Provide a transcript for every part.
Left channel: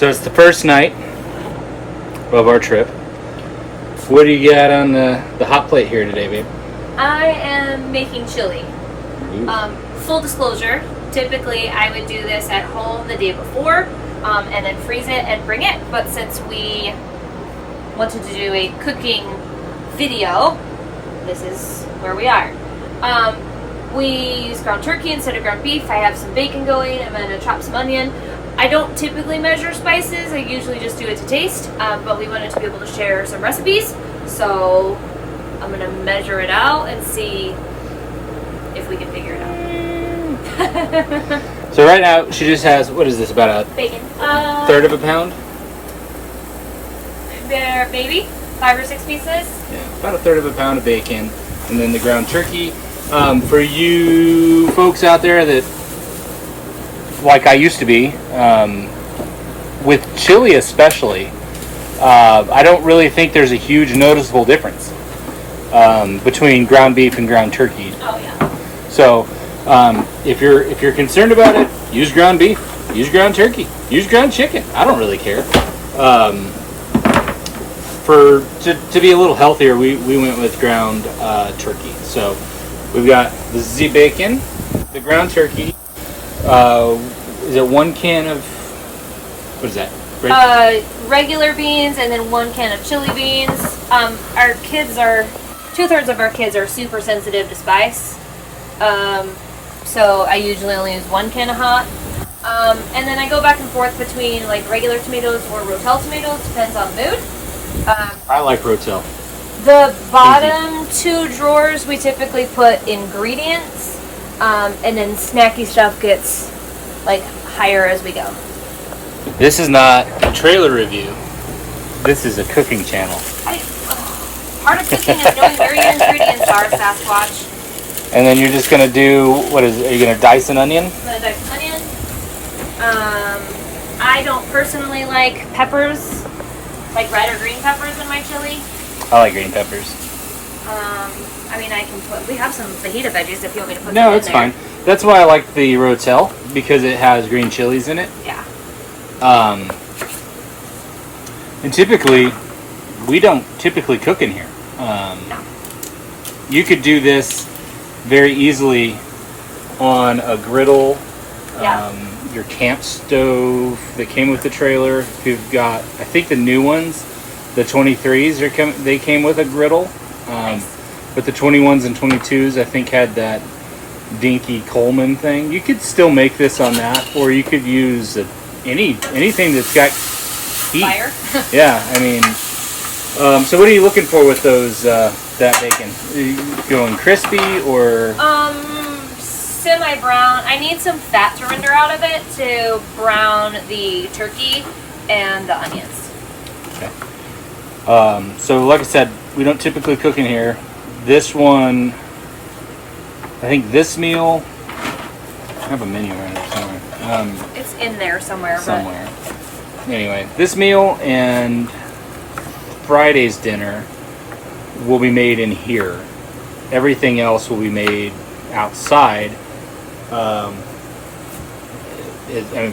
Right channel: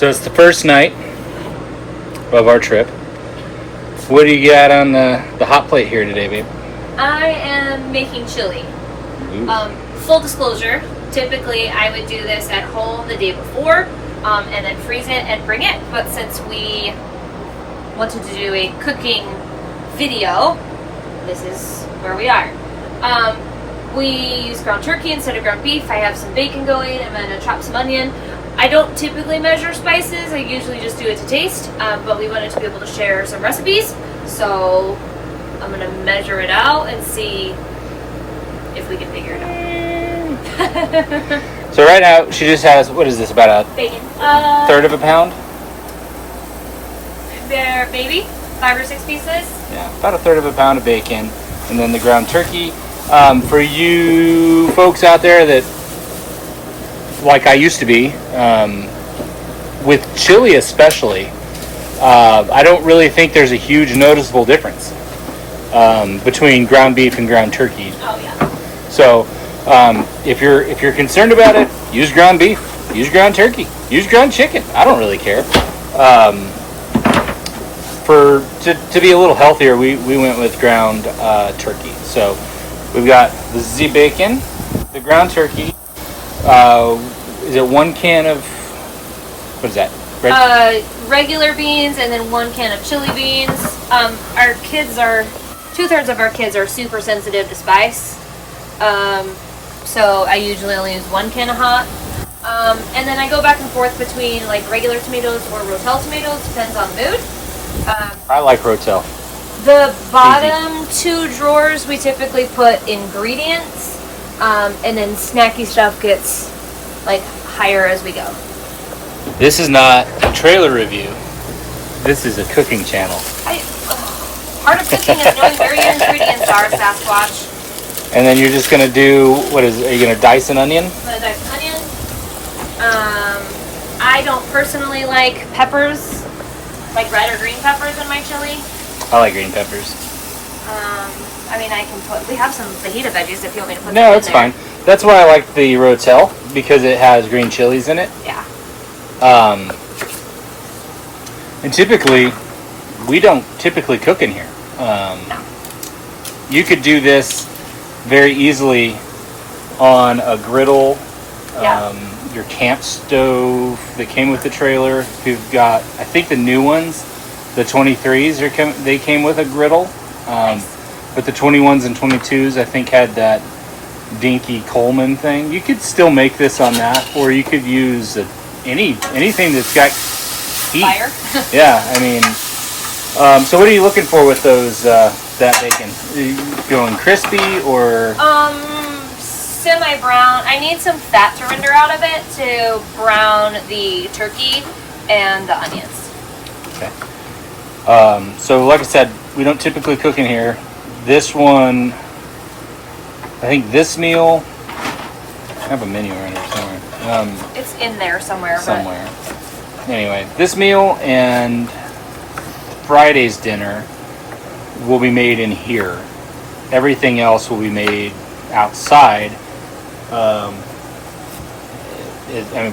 So it's the first night of our trip. What do you got on the hot plate here today, babe? I am making chili. Full disclosure, typically I would do this at home the day before and then freeze it and bring it. But since we wanted to do a cooking video, this is where we are. We use ground turkey instead of ground beef. I have some bacon going. I'm going to chop some onion. I don't typically measure spices. I usually just do it to taste, but we wanted to be able to share some recipes. So I'm going to measure it out and see if we can figure it out. So right now she just has, what is this, about a Bacon. third of a pound? They're maybe 5 or 6 pieces. Yeah, about a third of a pound of bacon. And then the ground turkey. For you folks out there that, like I used to be, with chili especially, I don't really think there's a huge noticeable difference between ground beef and ground turkey. Oh yeah. So if you're concerned about it, use ground beef, use ground turkey, use ground chicken. I don't really care. To be a little healthier, we went with ground turkey. So we've got the Z bacon, the ground turkey. Is it 1 can of, what is that? Regular beans and then 1 can of chili beans. Our kids are, 2/3 of our kids are super sensitive to spice. So I usually only use 1 can of hot. And then I go back and forth between like regular tomatoes or Rotel tomatoes, depends on mood. I like Rotel. The bottom 2 drawers we typically put ingredients, and then snacky stuff gets like higher as we go. This is not a trailer review. This is a cooking channel. Part of cooking is knowing where your ingredients are, Sasquatch. And then you're just gonna do, what is it? Are you gonna dice an onion? I'm gonna dice an onion. I don't personally like peppers, like red or green peppers in my chili. I like green peppers. I mean, I can put, we have some fajita veggies if you want me to put them No, in it's there. fine. That's why I like the Rotel, because it has green chilies in it. Yeah. And typically, we don't typically cook in here. No. You could do this very easily on a griddle, Yeah. your camp stove that came with the trailer. If you've got, I think the new ones, the 23s, they came with a griddle. Nice. But the 21s and 22s, I think, had that dinky Coleman thing. You could still make this on that, or you could use anything that's got heat. Fire. Yeah, I mean, so what are you looking for with those that bacon? Are you going crispy or? Semi-brown. I need some fat to render out of it to brown the turkey and the onions. Okay. So like I said, we don't typically cook in here. This one, I think this meal, I have a menu right there somewhere. It's in there somewhere. Somewhere. Anyway, this meal and Friday's dinner will be made in here. Everything else will be made outside.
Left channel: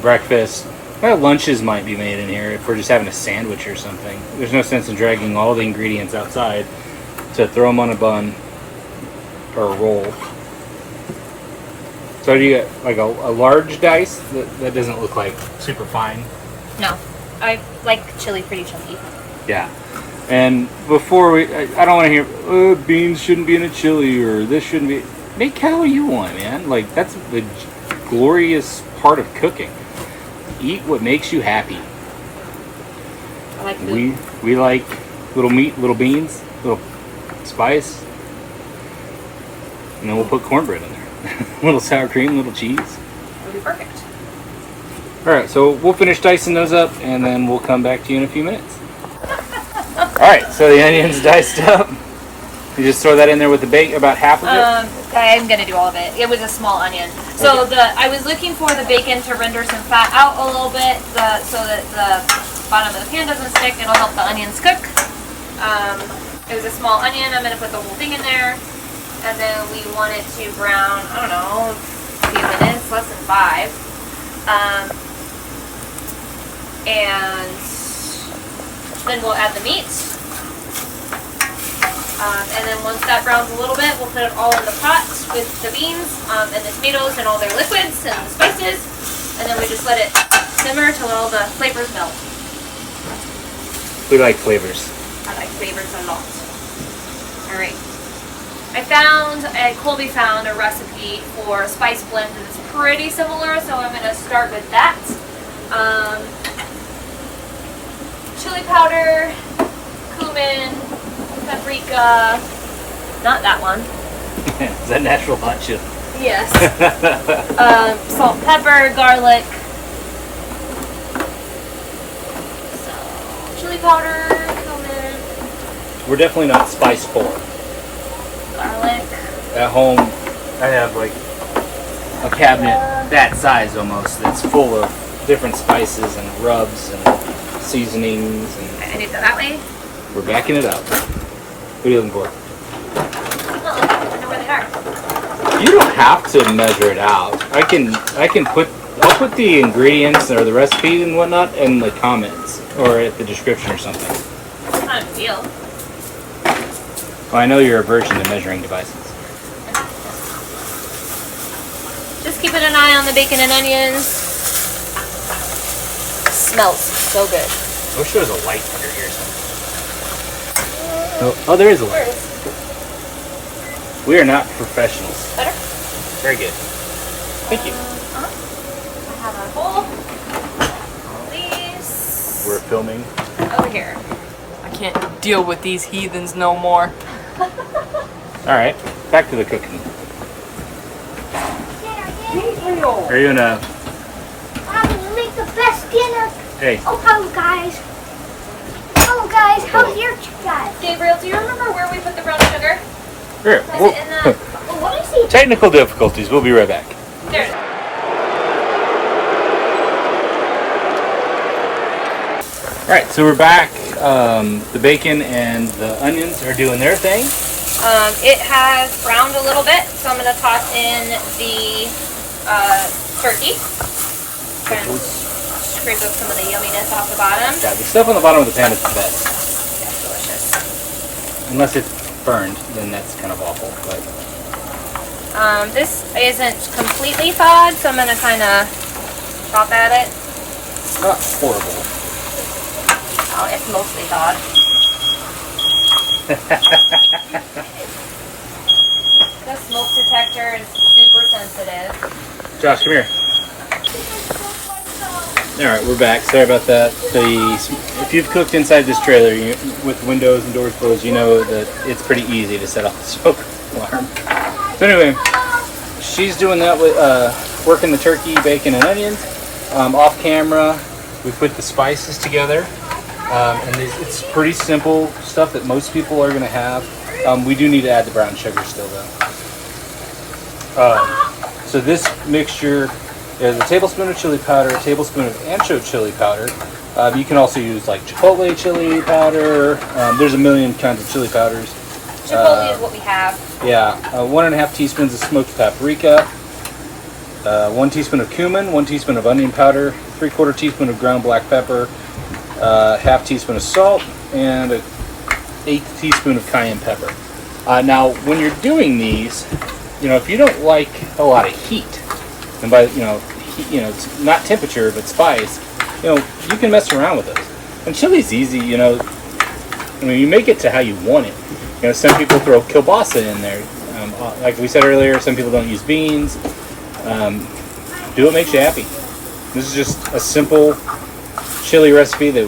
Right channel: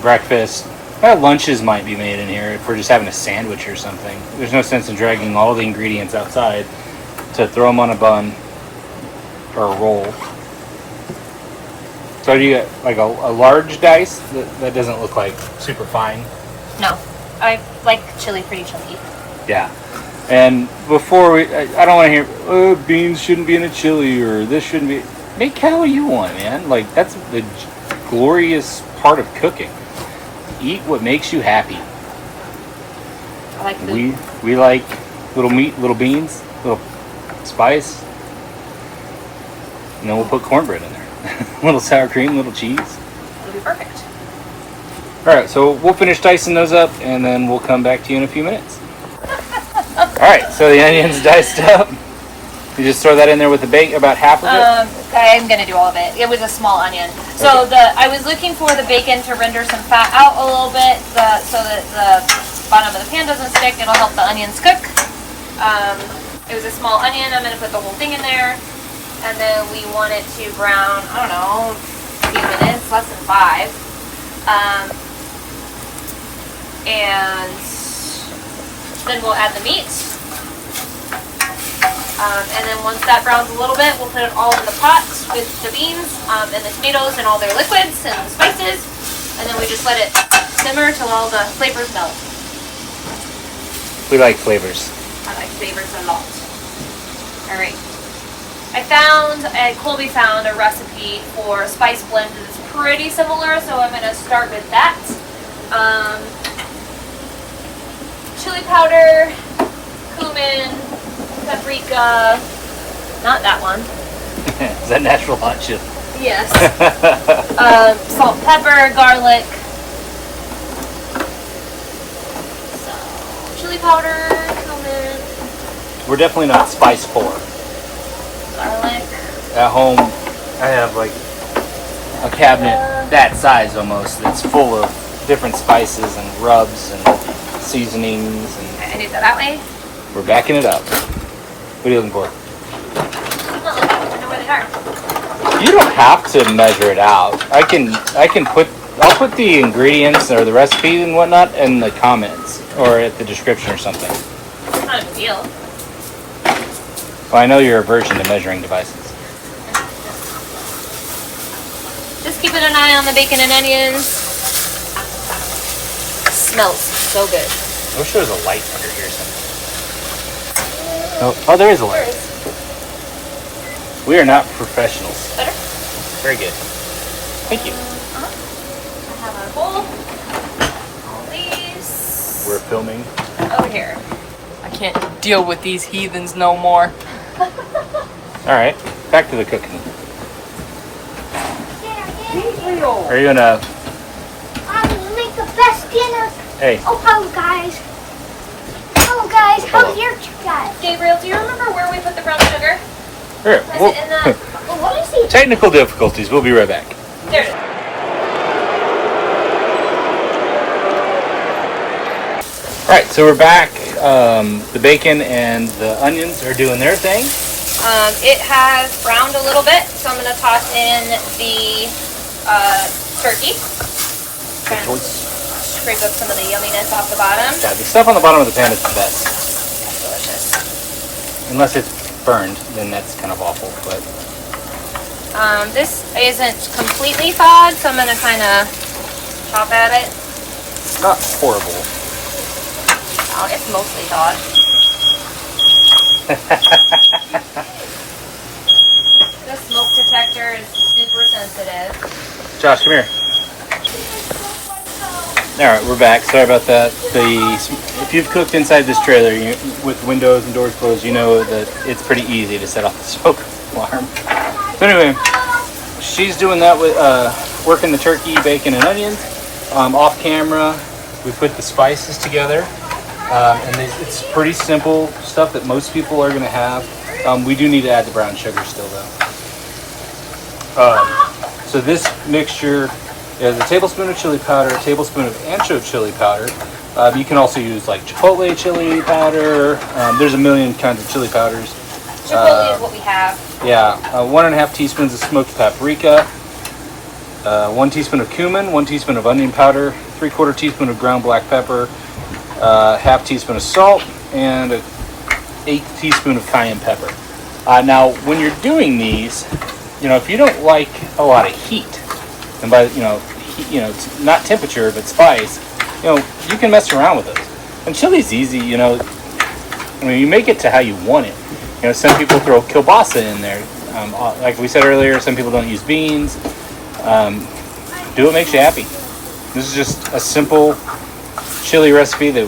Breakfast. Lunches might be made in here if we're just having a sandwich or something. There's no sense in dragging all the ingredients outside to throw them on a bun or a roll. So do you get like a large dice? That doesn't look like super fine. No, I like chili pretty chunky. Yeah. And before I don't want to hear, beans shouldn't be in a chili or this shouldn't be. Make how you want, man. Like, that's the glorious part of cooking. Eat what makes you happy. I like food. We like little meat, little beans, little spice. And then we'll put cornbread in there. Little sour cream, little cheese. It'll be perfect. Alright, so we'll finish dicing those up and then we'll come back to you in a few minutes. Alright, so the onion's diced up. You just throw that in there with the bacon, about half of it? I'm going to do all of it. It was a small onion. So I was looking for the bacon to render some fat out a little bit so that the bottom of the pan doesn't stick. It'll help the onions cook. It was a small onion. I'm going to put the whole thing in there. And then we want it to brown, I don't know, a few minutes, less than 5. And then we'll add the meat. And then once that browns a little bit, we'll put it all in the pot with the beans and the tomatoes and all their liquids and the spices. And then we just let it simmer till all the flavors melt. We like flavors. I like flavors a lot. All right. Colby found a recipe for spice blends that's pretty similar, so I'm going to start with that. Chili powder, cumin, paprika, not that one. Is that natural hot chili? Yes. Salt, pepper, garlic. So, chili powder, cumin. We're definitely not spice poor. Garlic. At home, I have like a cabinet that size almost that's full of different spices and rubs and seasonings. And I do that that way. we're backing it up. What are you looking for? I know where they are. You don't have to measure it out. I'll put the ingredients or the recipe and whatnot in the comments or at the description or something. It's not a big deal. Well, I know you're aversion to measuring devices. Just keeping an eye on the bacon and onions. Smells so good. I wish there was a light under here somewhere. Oh, there is a light. We are not professionals. Better? Very good. Thank you. I have a bowl. All these. We're filming. Over here. I can't deal with these heathens no more. Alright, back to the cooking. Are you gonna... I would make the best dinner. Hey, Oh, guys. Oh, guys, how's your guys? Gabriel, do you remember where we put the brown sugar? here. Is it in the... What is it? Technical difficulties. We'll be right back. There it is. Alright, so we're back. The bacon and the onions are doing their thing. It has browned a little bit, so I'm going to toss in the turkey. And scrape up some of the yumminess off the bottom. Yeah, the stuff on the bottom of the pan is the best. It's delicious. Unless it's burned, then that's kind of awful. But This isn't completely thawed, so I'm going to kind of chop at it. not horrible. Oh, it's mostly thawed. The smoke detector is super sensitive. Josh, come here. Alright, we're back. Sorry about that. If you've cooked inside this trailer with windows and doors closed, you know that it's pretty easy to set off the smoke alarm. But anyway, she's doing that with working the turkey, bacon, and onions. Off camera, we put the spices together. And it's pretty simple stuff that most people are going to have. We do need to add the brown sugar still, though. So this mixture is a tablespoon of chili powder, a tablespoon of anchovy chili powder. You can also use like chipotle chili powder. There's a million kinds of chili powders. Chipotle is what we have. Yeah, 1.5 teaspoons of smoked paprika, 1 teaspoon of cumin, 1 teaspoon of onion powder, 3/4 teaspoon of ground black pepper, half teaspoon of salt, and an 1/8 teaspoon of cayenne pepper. Now, when you're doing these, if you don't like a lot of heat, and by it's not temperature but spice, you can mess around with those. And chili's easy, you make it to how you want it. Some people throw kielbasa in there. Like we said earlier, some people don't use beans. Do what makes you happy. This is just a simple chili recipe that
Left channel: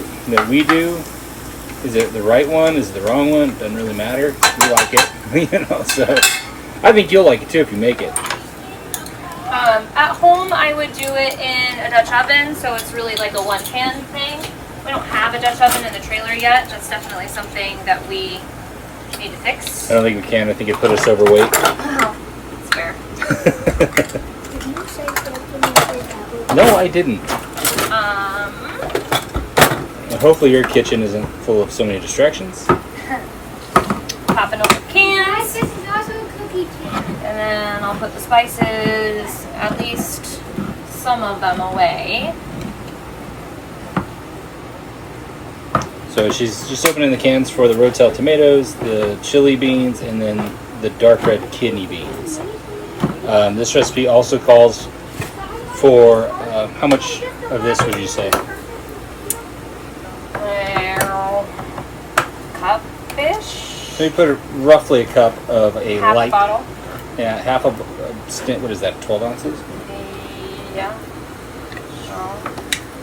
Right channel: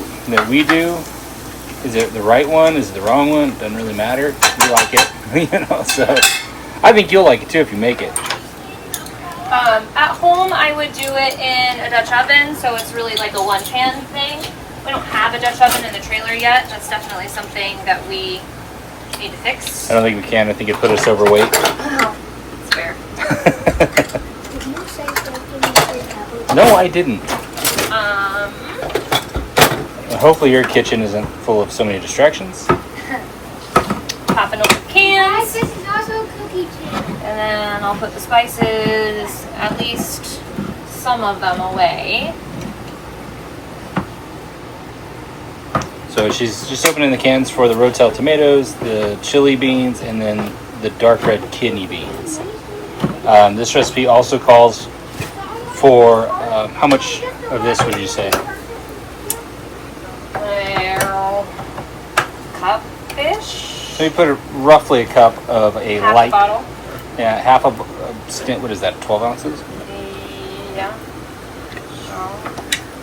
we do. Is it the right one? Is it the wrong one? It doesn't really matter. We like it, so I think you'll like it too if you make it. At home, I would do it in a Dutch oven, so it's really like a one-pan thing. We don't have a Dutch oven in the trailer yet. That's definitely something that we need to fix. I don't think we can. I think it put us overweight. Oh, it's fair. No, I didn't. Hopefully your kitchen isn't full of so many distractions. Popping open cans. And then I'll put the spices, at least some of them, away. So she's just opening the cans for the Rotel tomatoes, the chili beans, and then the dark red kidney beans. This recipe also calls for, how much of this would you say? Well, cup-ish? So we put roughly a cup of a Half light, a bottle? yeah, half a stint, what is that, 12 ounces? Yeah.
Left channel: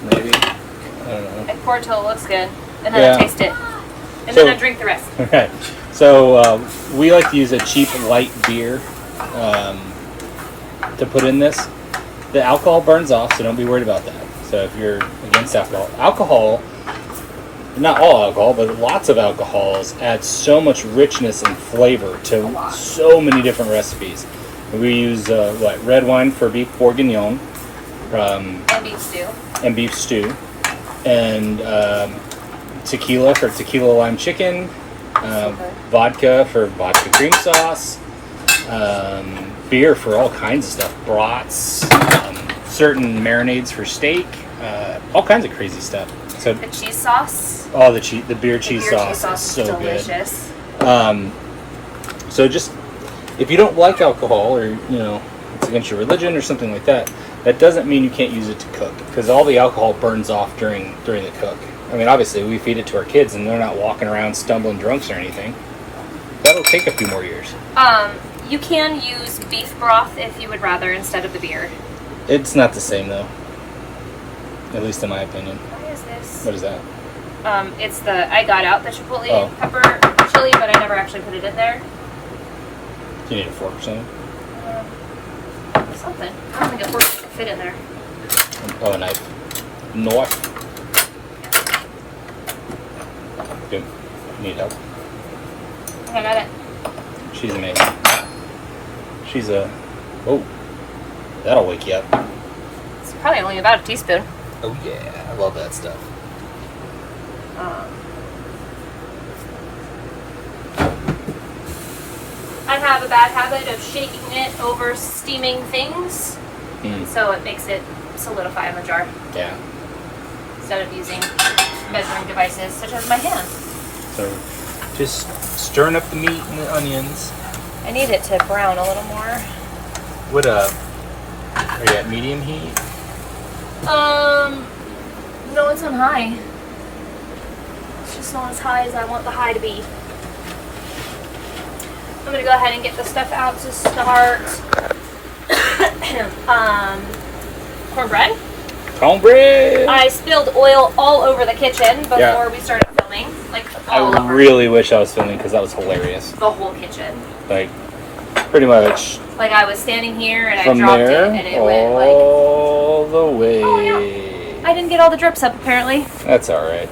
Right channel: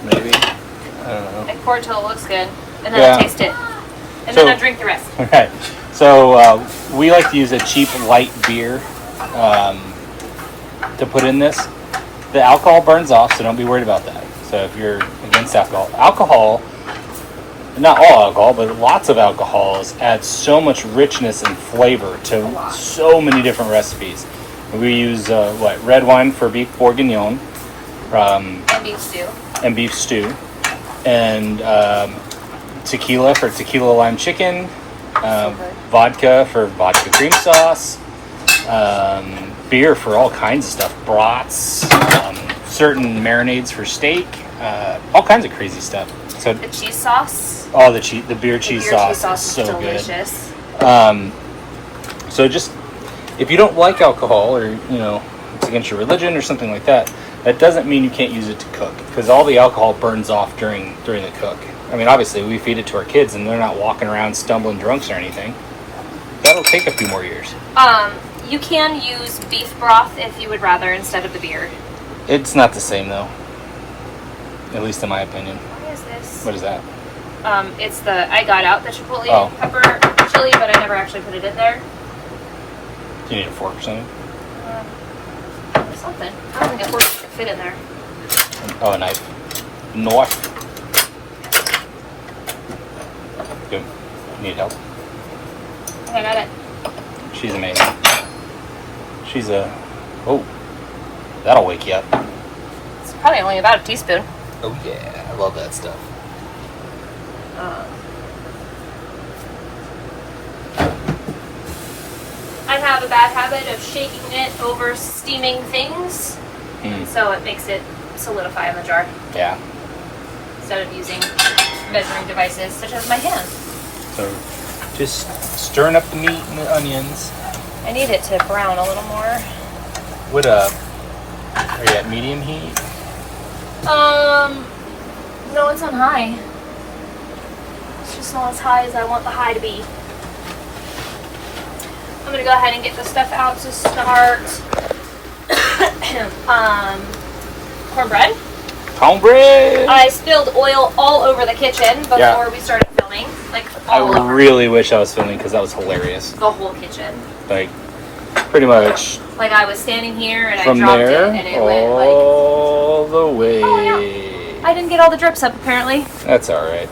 Maybe? I don't know. I pour it till it looks good, and then Yeah. I taste it. And So- then I drink the rest. Right. So we like to use a cheap light beer to put in this. The alcohol burns off, so don't be worried about that. So if you're against alcohol, not all alcohol, but lots of alcohols add so much richness and flavor to so many different recipes. We use red wine for beef bourguignon, And beef stew. and beef stew, and tequila for tequila lime chicken, vodka for vodka cream sauce, beer for all kinds of stuff, brats, certain marinades for steak, all kinds of crazy stuff. So The cheese sauce. all the beer cheese The beer sauce, cheese sauce is is so delicious. good. So just if you don't like alcohol, or it's against your religion or something like that, that doesn't mean you can't use it to cook, because all the alcohol burns off during the cook. I mean, obviously we feed it to our kids, and they're not walking around stumbling drunks or anything. That'll take a few more years. You can use beef broth if you would rather instead of the beer. It's not the same though, at least in my opinion. What is this? What is that? It's the I got out the chipotle Oh. pepper chili, but I never actually put it in there. Do you need a fork or something? Something. I don't think a fork could fit in there. Oh, a knife. Knife. Good. Need help? Okay, I got it. She's amazing. She's oh, that'll wake you up. It's probably only about a teaspoon. Oh yeah, I love that stuff. I have a bad habit of shaking it over steaming things, so it makes it solidify in the jar Yeah. instead of using measuring devices such as my hand. So just stirring up the meat and the onions. I need it to brown a little more. What are you at medium heat? No, it's on high. It's just not as high as I want the high to be. I'm gonna go ahead and get the stuff out to start. Cornbread. Cornbread. I spilled oil all over the kitchen before we started filming. Like all I over really wish I was filming, because that was hilarious. the whole kitchen. Like pretty much Like I was standing here and from I dropped there it and it went like. all the way. Oh, I didn't get all the drips up apparently. That's all right.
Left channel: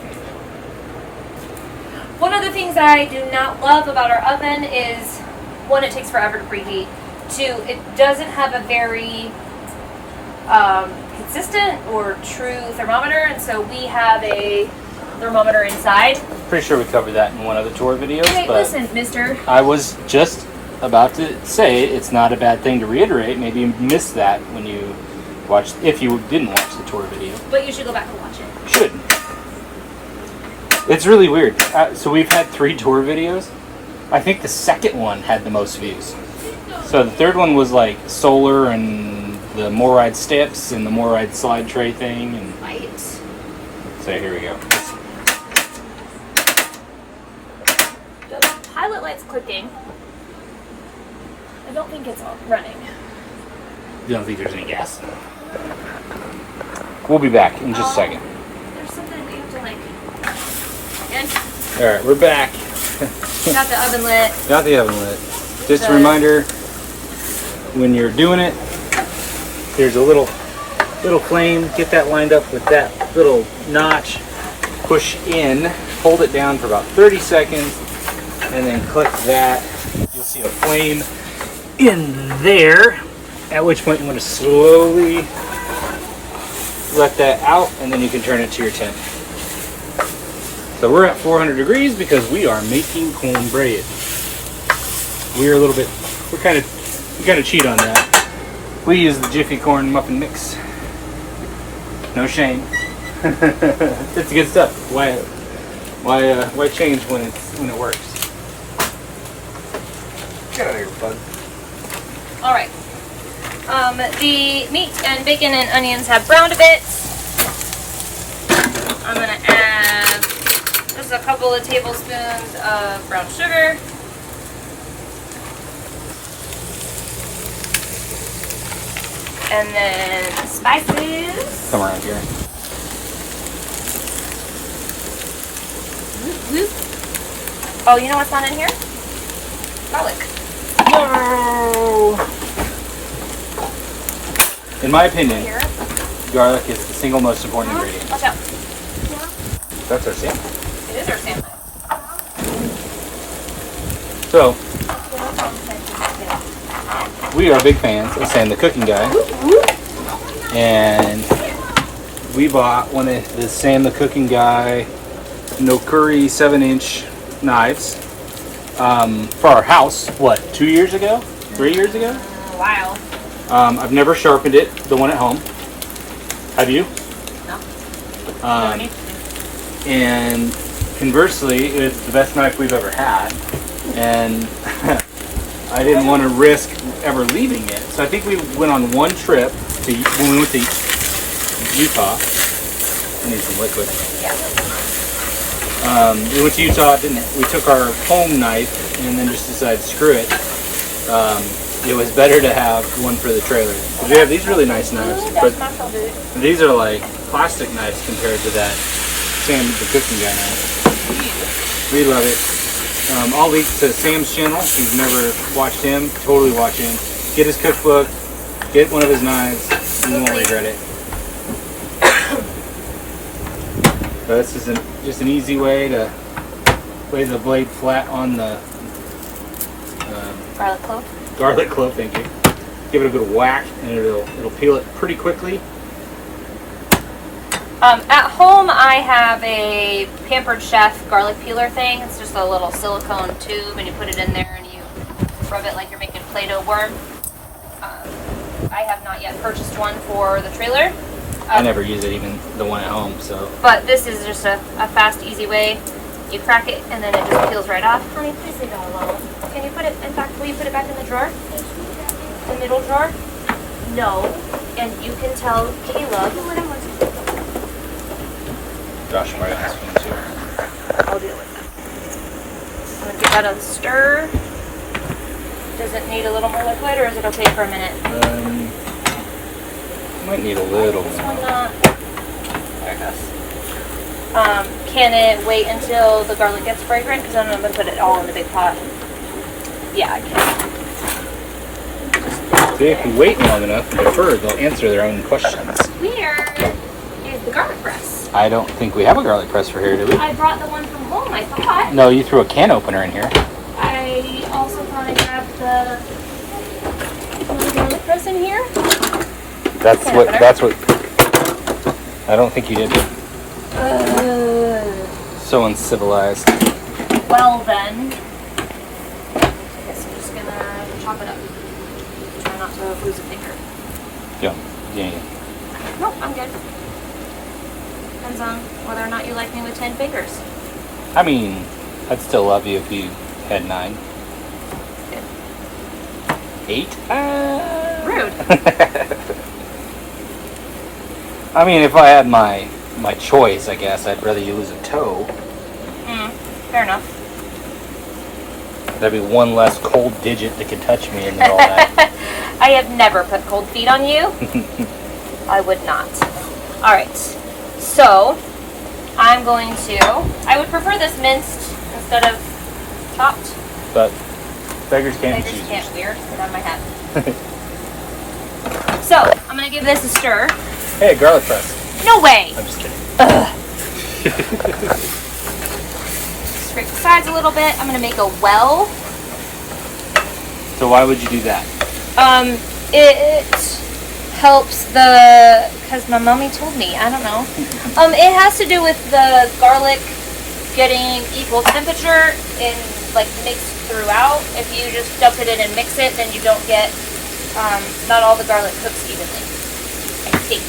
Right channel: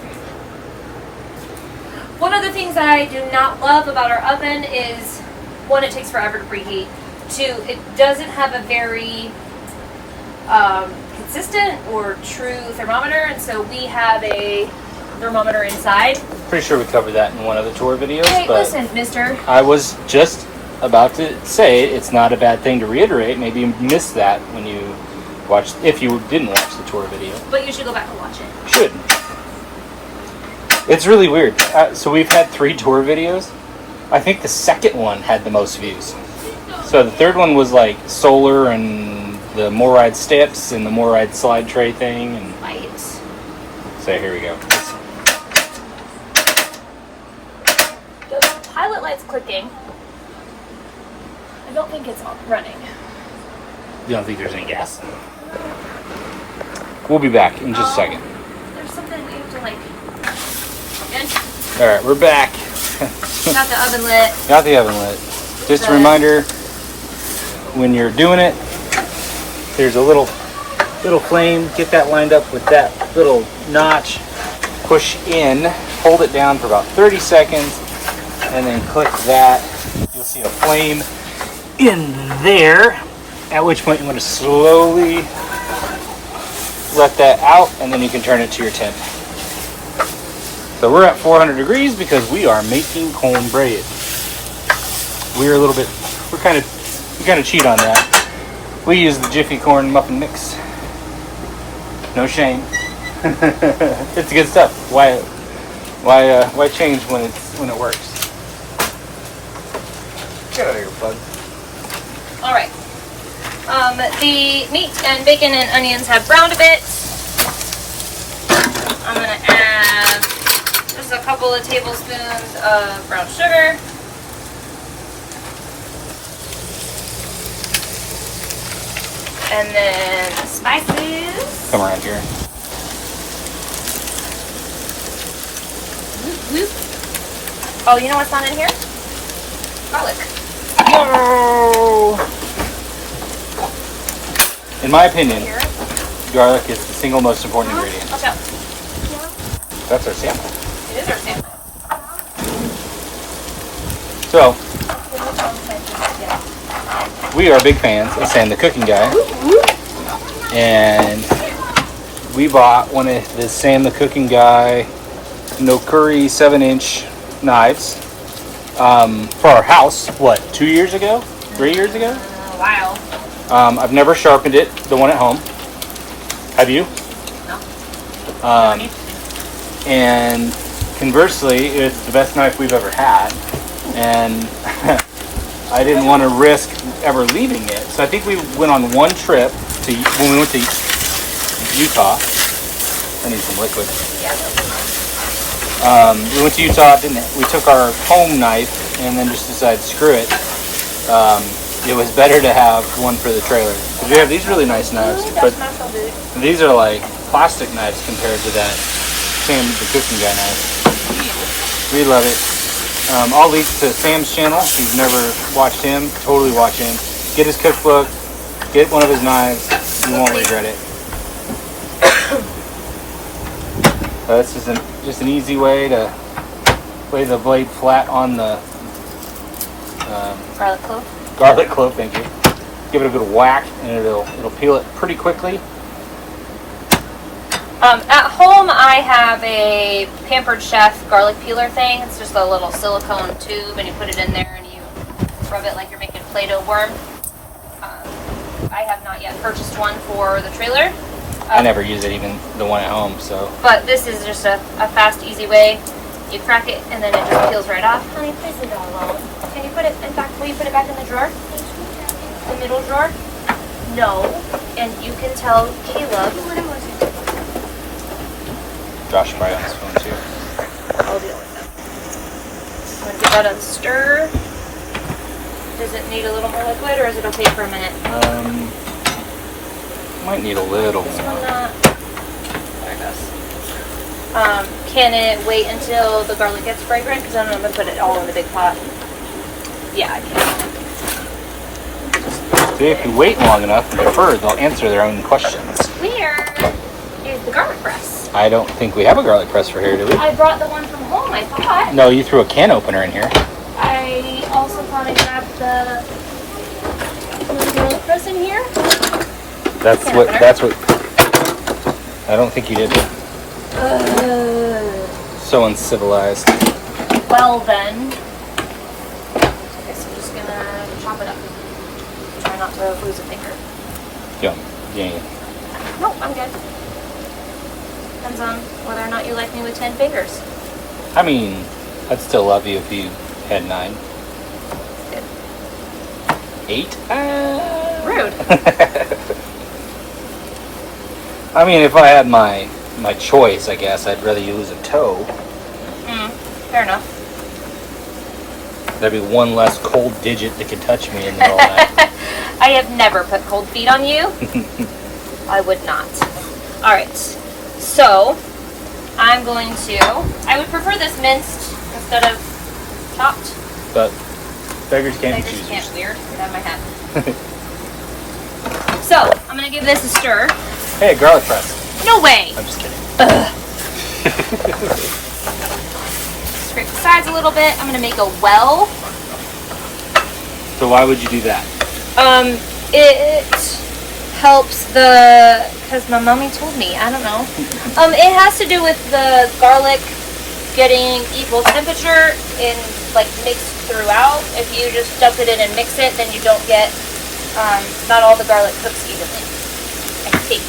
One of the things I do not love about our oven is, one, it takes forever to preheat. Two, it doesn't have a very consistent or true thermometer, and so we have a thermometer inside. Pretty sure we covered that in one of the tour videos. Hey, but listen, mister. I was just about to say it's not a bad thing to reiterate. Maybe you missed that when you watched, if you didn't watch the tour video. But you should go back and watch it. Should. It's really weird. So we've had 3 tour videos. I think the second one had the most views. So the third one was like solar and the Moride steps and the Moride slide tray thing. And Right. so here we go. The pilot light's clicking. I don't think it's running. You don't think there's any gas? We'll be back in just a second. There's something we have to like. And All right, we're back. got the oven lit. Got the oven lit. Just a Good. reminder, when you're doing it, there's a little flame. Get that lined up with that little notch. Push in, hold it down for about 30 seconds, and then click that. You'll see a flame in there, at which point you want to slowly let that out, and then you can turn it to your temp. So we're at 400 degrees because we are making cornbread. We kind of cheat on that. We use the Jiffy Corn muffin mix. No shame. It's good stuff. Why change when it works? Get out of here, bud. All right. The meat and bacon and onions have browned a bit. I'm gonna add just a couple of tablespoons of brown sugar. And then spices. Come around here. Oh, you know what's not in here? Garlic. No! In my opinion, garlic is the single most important ingredient. Watch out. That's our sample. It is our sample. So, we are big fans of Sam the Cooking Guy. And we bought one of the Sam the Cooking Guy no curry 7-inch knives for our house, what, 2 years ago? 3 years ago? Wow. I've never sharpened it, the one at home. Have you? No. And conversely, it's the best knife we've ever had. And I didn't want to risk ever leaving it. So I think we went on one trip when we went to Utah. I need some liquid. We went to Utah, we took our home knife and then just decided, screw it. It was better to have one for the trailer. Because we have these really nice knives, but these are like plastic knives compared to that Sam the Cooking Guy knife. We love it. I'll link to Sam's channel. If you've never watched him, totally watch him. Get his cookbook, get one of his knives, you won't regret it. This is just an easy way to lay the blade flat on the Garlic clove. Garlic clove, thank you. Give it a good whack, and it'll peel it pretty quickly. At home, I have a Pampered Chef garlic peeler thing. It's just a little silicone tube, and you put it in there, and you rub it like you're making Play-Doh worm. I have not yet purchased one for the trailer. I never use it, even the one at home. So. But this is just a fast, easy way. You crack it, and then it just peels right off. Honey, please leave that alone. Can you put it back? Will you put it back in the drawer? The middle drawer? No. And you can tell Caleb. Josh probably on this phone too. I'll deal with that. I'm gonna give that a stir. Does it need a little more liquid, or is it okay for a minute? Might need a little more. There it goes. Can it wait until the garlic gets fragrant? Because I'm gonna put it all in the big pot. Yeah, I can. See, if you wait long enough and defer, they'll answer their own questions. Where is the garlic press? I don't think we have a garlic press for here, do we? I brought the one from home, I thought. No, you threw a can opener in here. I also thought I grabbed the garlic press in here. That's what. I don't think you did it. So uncivilized. Well then, I guess I'm just gonna chop it up. Try not to lose a finger. Yeah. Oh, I'm good. Depends on whether or not you like me with 10 fingers. I mean, I'd still love you if you had 9. Good. 8? Rude. I mean, if I had my choice, I guess I'd rather you lose a toe. Fair enough. That'd be one less cold digit that could touch me and all that. I have never put cold feet on you. I would not. Alright. So, I'm going to... I would prefer this minced instead of chopped. But beggars can't I be just choosers. can't wear it on my hat. So, I'm going to give this a stir. Hey, garlic press. No way! I'm just kidding. Ugh. Scrape the sides a little bit. I'm going to make a well. So why would you do that? It helps because my mommy told me, I don't know. It has to do with the garlic getting equal temperature and like mixed throughout. If you just dump it in and mix it, then you don't get, not all the garlic cooks evenly. I think.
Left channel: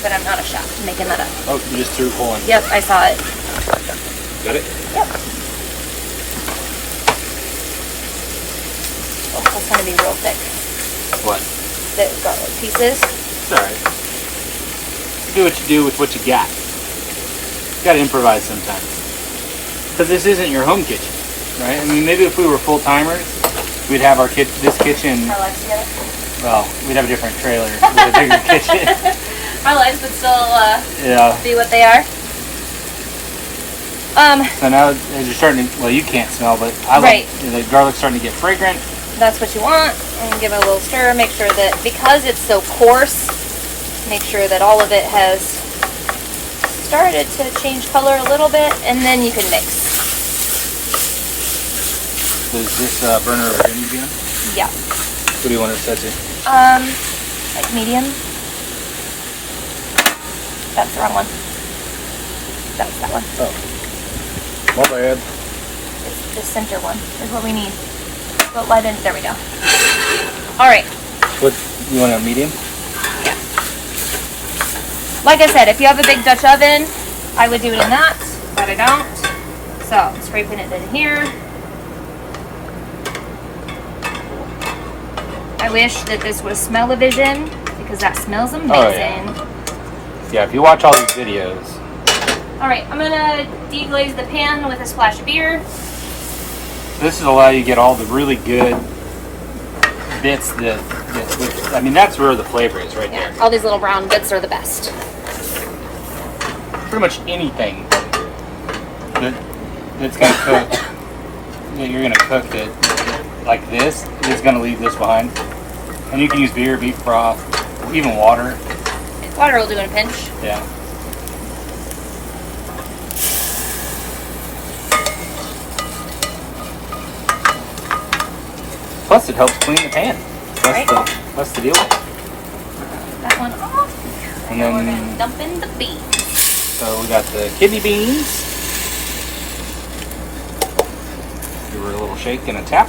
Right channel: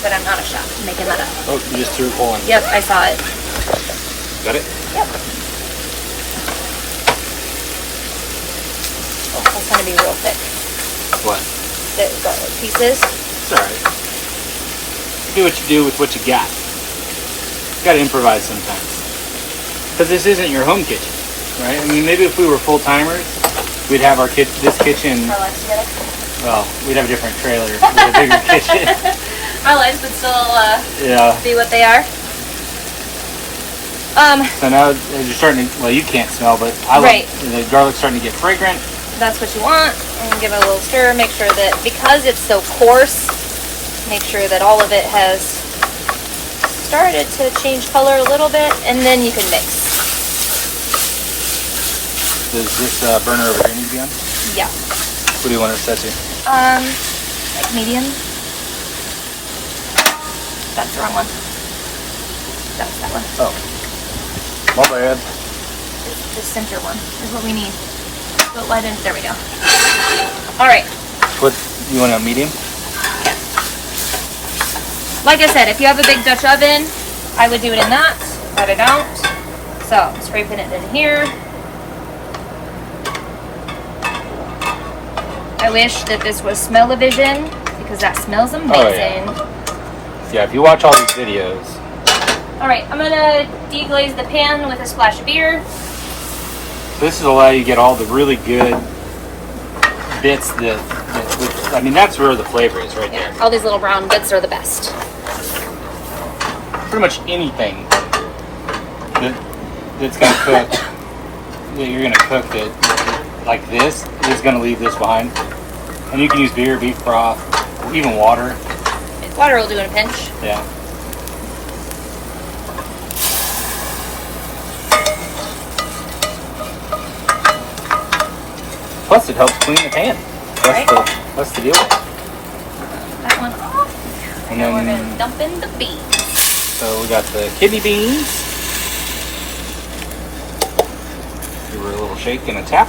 But I'm not a chef. I'm making that up. Oh, you just threw it for one. Yep, I saw it. Got it? Yep. Oh, that's gonna be real thick. What? The garlic pieces. It's alright. Do what you do with what you got. You gotta improvise sometimes. Because this isn't your home kitchen, right? I mean, maybe if we were full-timers, we'd have this kitchen, Our lives together. well, we'd have a different trailer with a bigger kitchen. Our lives would still Yeah. be what they are. So now you're starting to, well, you can't smell, but Right. The garlic's starting to get fragrant. That's what you want. And give it a little stir. Make sure that, because it's so coarse, make sure that all of it has started to change color a little bit, and then you can mix. Is this burner over here medium? Yeah. What do you want it says here? Like medium. That's the wrong one. That's that one. Oh. My bad. The center one is what we need. What light in? There we go. All right. What, you want a medium? Like I said, if you have a big Dutch oven, I would do it in that, but I don't. So I'm scraping it in here. I wish that this was smell-o-vision, because that smells amazing. Oh, yeah, if you watch all these videos. All right, I'm gonna deglaze the pan with a splash of beer. This will allow you to get all the really good bits I mean, that's where the flavor is right there. Yeah, all these little brown bits are the best. Pretty much anything that's going to cook, that you're going to cook that like this is going to leave this behind. And you can use beer, beef broth, even water. Water will do in a pinch. Yeah. Plus, it helps clean the pan. That's the deal. That one off. And then, And dump in the beans. so we got the kidney beans. Give her a little shake and a tap.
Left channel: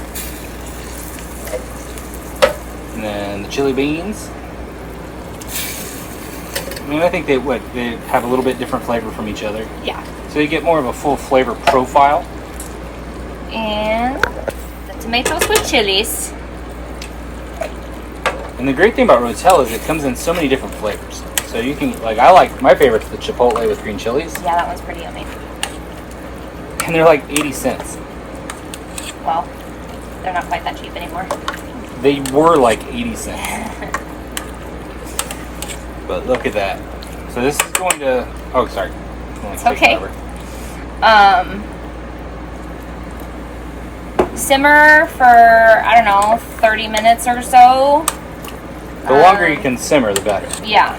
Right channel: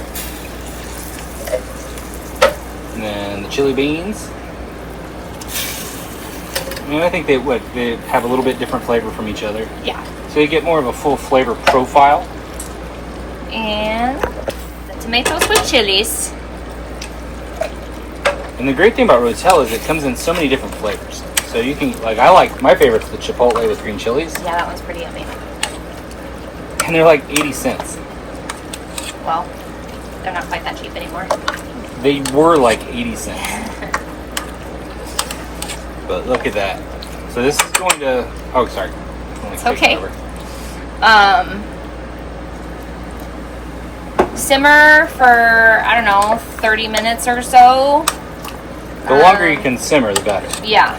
And then the chili beans. And I think they have a little bit different flavor from each other. Yeah. So you get more of a full flavor profile. And tomatoes with chilies. And the great thing about Rotel is it comes in so many different flavors. So you can, like, my favorite's the chipotle with green chilies. Yeah, that one's pretty yummy. And they're like 80 cents. Well, they're not quite that cheap anymore. They were like 80 cents. But look at that. So this is going to, oh, sorry. It's okay. Simmer for, I don't know, 30 minutes or so. The longer you can simmer, the better. Yeah.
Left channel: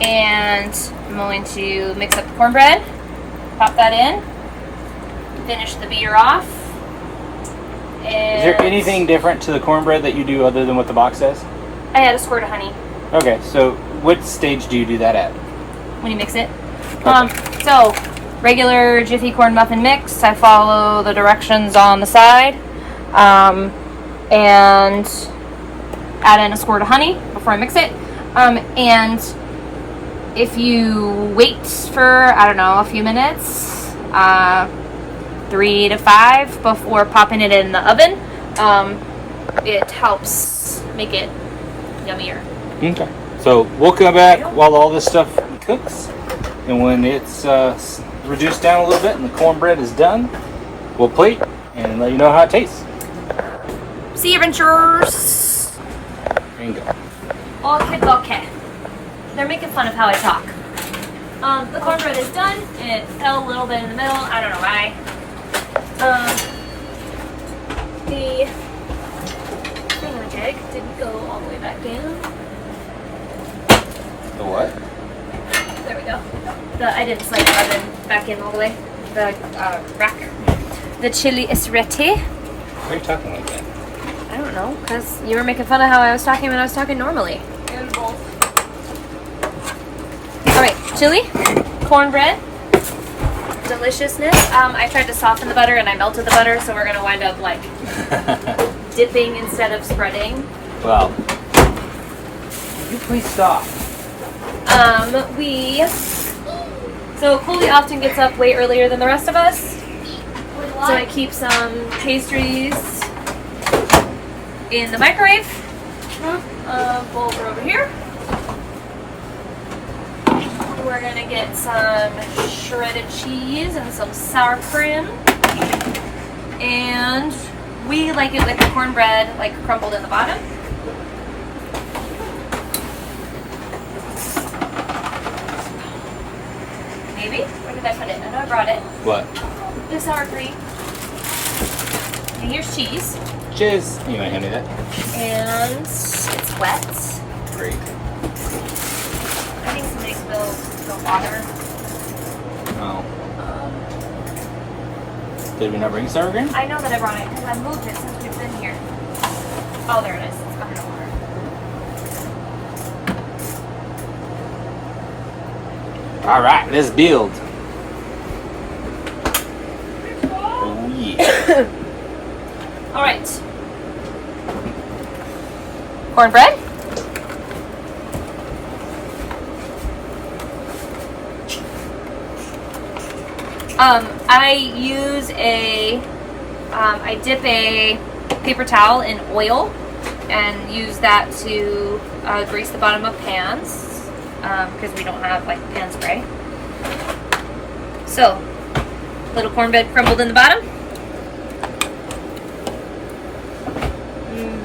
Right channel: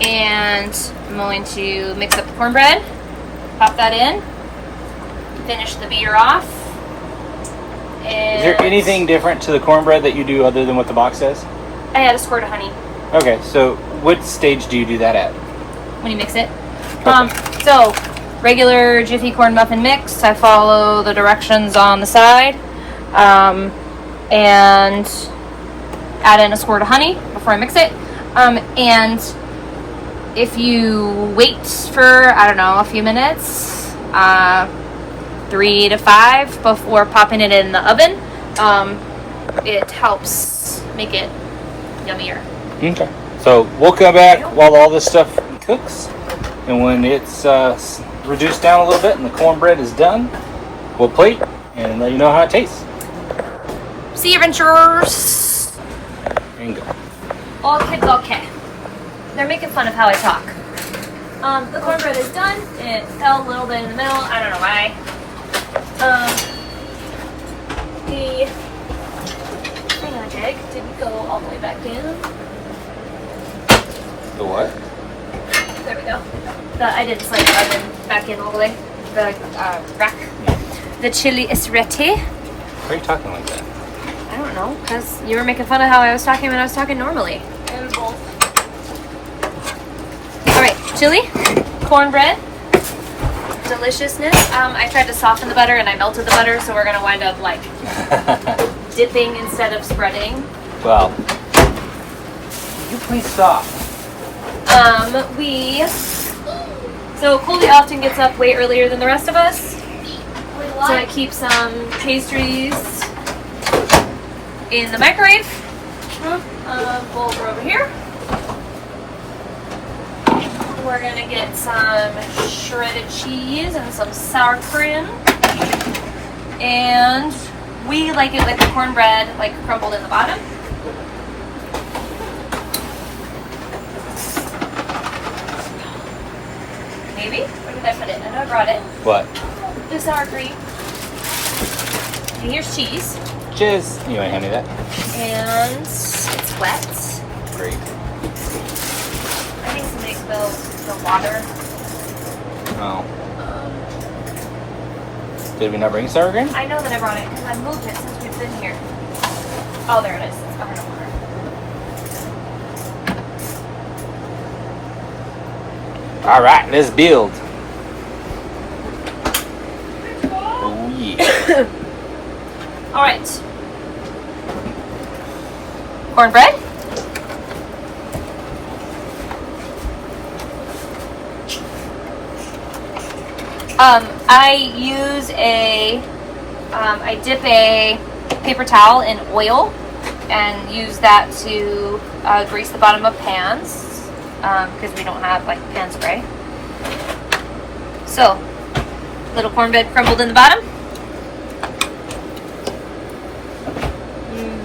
And I'm going to mix up the cornbread, pop that in, finish the beer off. And Is there anything different to the cornbread that you do other than what the box says? I add a squirt of honey Okay, so what stage do you do that at? when you mix it. So regular Jiffy corn muffin mix. I follow the directions on the side, and add in a squirt of honey before I mix it. And if you wait for, I don't know, a few minutes, 3 to 5 before popping it in the oven, it helps make it yummier. Okay. So we'll come back while all this stuff cooks, and when it's reduced down a little bit and the cornbread is done, we'll plate and let you know how it tastes. See you, adventurers! And go. All kids okay. They're making fun of how I talk. The cornbread is done. It fell a little bit in the middle. I don't know why. The magic didn't go all the way back in. The what? There we go. I didn't slide the oven back in all the way. The rack. The chili is ready. Why are you talking like that? I don't know, because you were making fun of how I was talking when I was talking normally. Alright, chili, cornbread, deliciousness. I tried to soften the butter and I melted the butter, so we're going to wind up like dipping instead of spreading. Well, you please stop. We So Coley often gets up way earlier than the rest of us. So I keep some pastries in the microwave. Bowl over here. We're gonna get some shredded cheese and some sour cream. And we like it like the cornbread, like crumbled in the bottom. Maybe? Where did I put it? I know I brought it. What? The sour cream. And here's cheese. Cheers. You want to hand me that? And it's wet. Great. I think somebody spilled the water. Oh. Did we not bring sour cream? I know that I brought it because I moved it since we've been here. Oh, there it is. It's behind the water. All right, let's build. Oh, yeah. All right. Cornbread. I use I dip a paper towel in oil and use that to grease the bottom of pans because we don't have like pan spray. So, little cornbread crumbled in the bottom.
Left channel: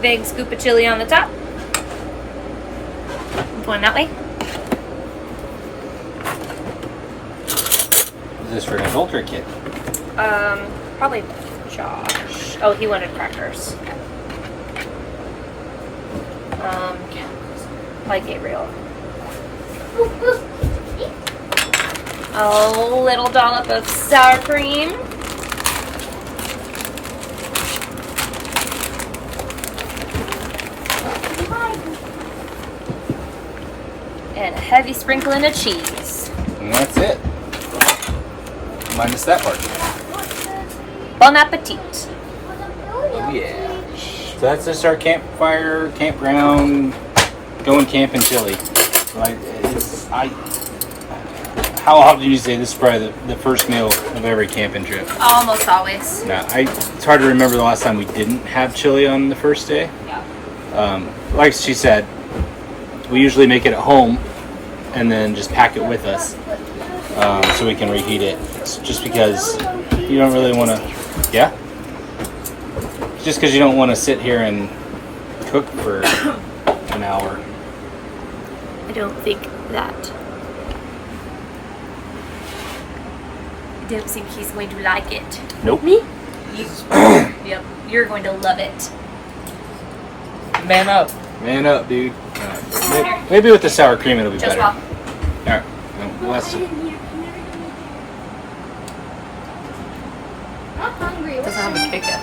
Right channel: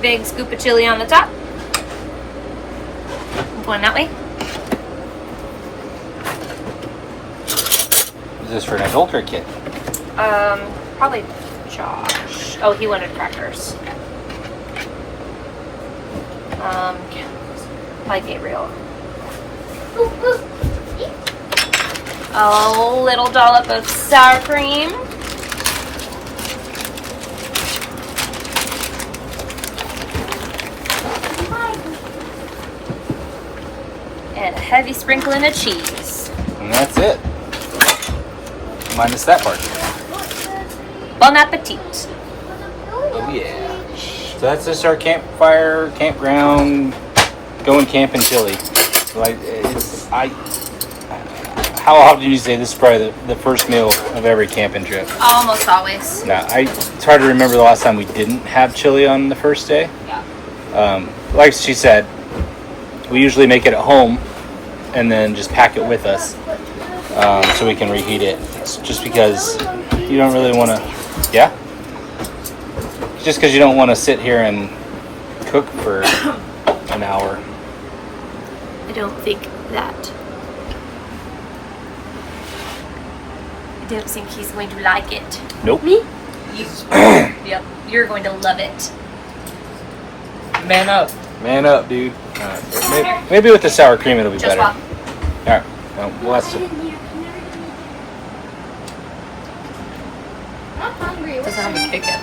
Big scoop of chili on the top. Going that way. Is this for an adult or a kid? Probably Josh. Oh, he wanted crackers. Like Gabriel. A little dollop of sour cream. And a heavy sprinkling of cheese. And that's it. Minus that part. Bon appetit. Oh yeah. So that's just our campfire, campground, going camping chili. So how often do you say this is probably the first meal of every camping trip? Almost always. Now, it's hard to remember the last time we didn't have chili on the first day. Like she said, we usually make it at home and then just pack it with us so we can reheat it. Just because you don't really want to, yeah? Just because you don't want to sit here and cook for an hour. I don't think that. I don't think he's going to like it. Nope. Me? Yep. You're going to love it. Man up. Man up, dude. Maybe with the sour cream it'll be Just better. walk. Alright. Well, that's Doesn't have a big head.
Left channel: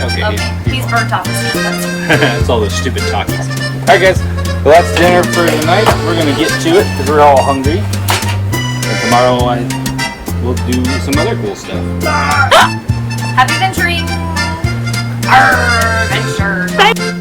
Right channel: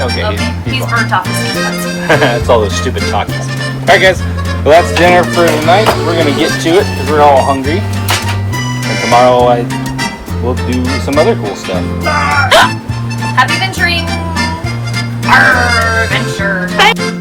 okay. He's burnt off his hands. That's all those stupid talkies. Alright, guys. Well, that's dinner for tonight. We're going to get to it because we're all hungry. And tomorrow we'll do some other cool stuff. Happy venturing! Adventure!